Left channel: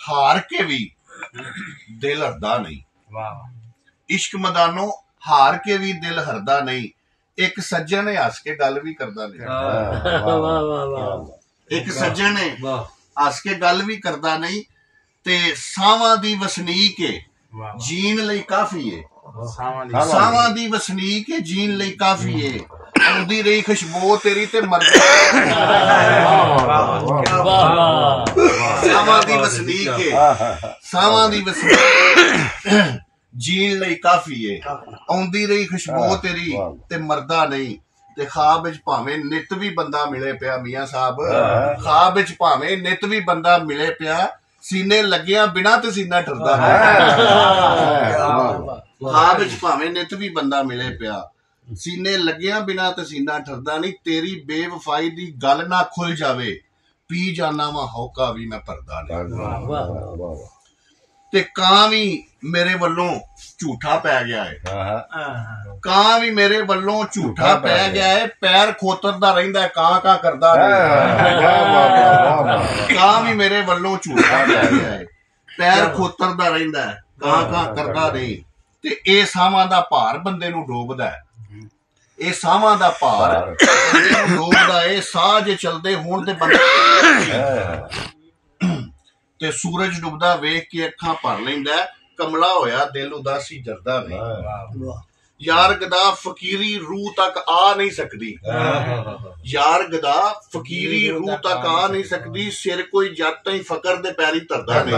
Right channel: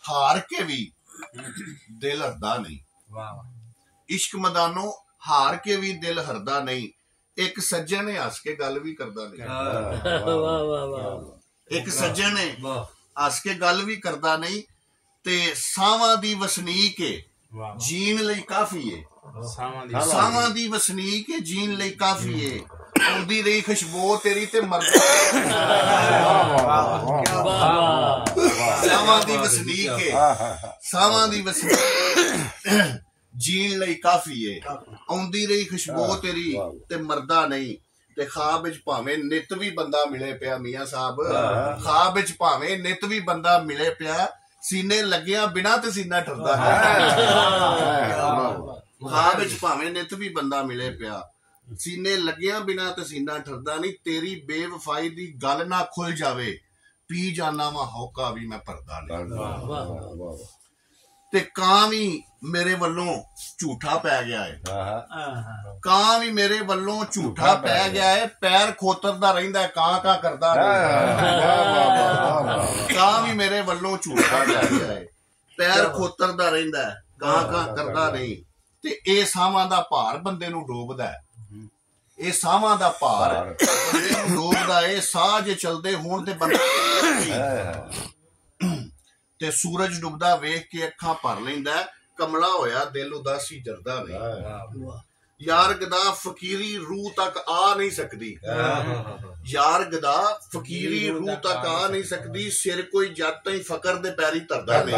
हार के भी दिल हरदा नहीं। इश्क मदानो हार के भी दिल हरदा नहीं। एक सज्जन ने हस के गल भी करदा नहीं। एक सज्जन ने हस के गल भी करदा नहीं। ते सावां दी वसनीक है जीन लई काफी है। सावां दी वसनीक है जीन लई काफी है। आउंदी रही खुशबू तेरी ते मर सावां दी वसनीक है। सावां दी वसनीक जीन लई काफी है। आउंदी रही खुशबू तेरी ते मरदा नहीं। ते ख्वाब विच भावें नित भी बंदा मिले पिया मियां साहब, ख्वाब विच भावें नित भी बंदा मिले पिया, सीने लग्गिया बिना ते सीना ठरदा है। ख्वाब विच भावें नित भी बंदा मिले पिया, सीने लग्गिया बिना ते सीना ठरदा नहीं। तेरी बेवफाई दी गल ना खुल जावे, पी जाना वा होका भी मैं भरदा नहीं। ते कां भी मेरे वल्लों झूठा पै गया है। कां भी मेरे वल्लों झूठा पै गया है। पैर खोतरदा रहिंदा है, कां कां करदा नहीं। कां भी मेरे वल्लों झूठा पै गया है। पैर खोतरदा रहिंदा है, कां कां करदा नहीं। ते ए सावां दा भार बंदे नूं डोबदा है। ਇਹ ਸਾਵਾਂ ਦਾ ਭਾਰ ਡੋਬਦਾ ਏ। ਸਾਹ ਜੇ ਚਲਦੇ ਹੋਣ ਤੇ ਬੰਦਾ ਤੇ ਸੂਰਜ ਡੁੱਬਦਾ ਵੇਖ ਕੇ ਅੱਖਾਂ ਭਰ ਲੈਂਦਾ। ਕਮਲਾ ਹੋਇਆ ਦਿਲ ਉਦਾਸੀ ਜਰਦਾ ਨਹੀਂ। ਯਾਰ ਗਦਾ ਫਕੀਰੀ ਰੂਹ ਤੱਕ ਆ ਨਹੀਂ ਸਕਦੀ। ਯਾਰ ਗਦਾ ਫਕੀਰੀ ਰੂਹ ਤੱਕ ਆ ਨਹੀਂ ਸਕਦੀ। ਸਿਰ ਕੋਈ ਜੱਟ ਹੀ ਫਕਰ ਦੇ ਪੈਰੀ ਧਰਦਾ ਨਹੀਂ।